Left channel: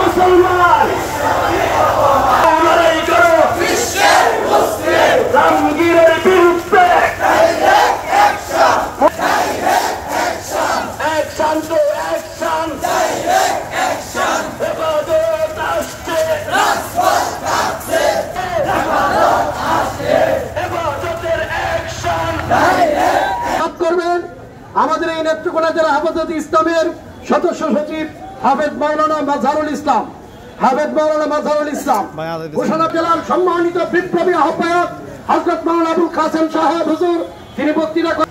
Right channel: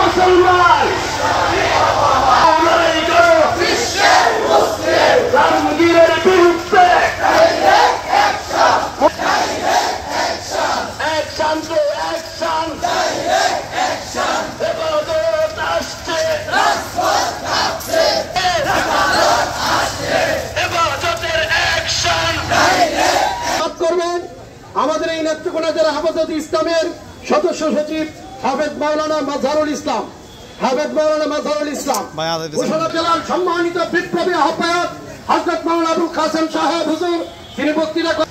মুসলমান লড়াই করো জাহাঙ্গীরের বিরুদ্ধে অ্যাকশন টু অ্যাকশন হেফাজত আসছে হেফাজতের অ্যাকশন করবেন আমাদের এই নেত্রকোনা জেলা হেফাজত ইসলামের সদস্য সচিব হাফেজ মাওলানা মাজহারুল ইসলাম ঘোষণা জেলার সম্মানিত বিপ্লবী আহ্বায়ক হযরত মাওলানা আবুল কাসেম সাহেব হুজুর তিনি বক্তৃতা করেন।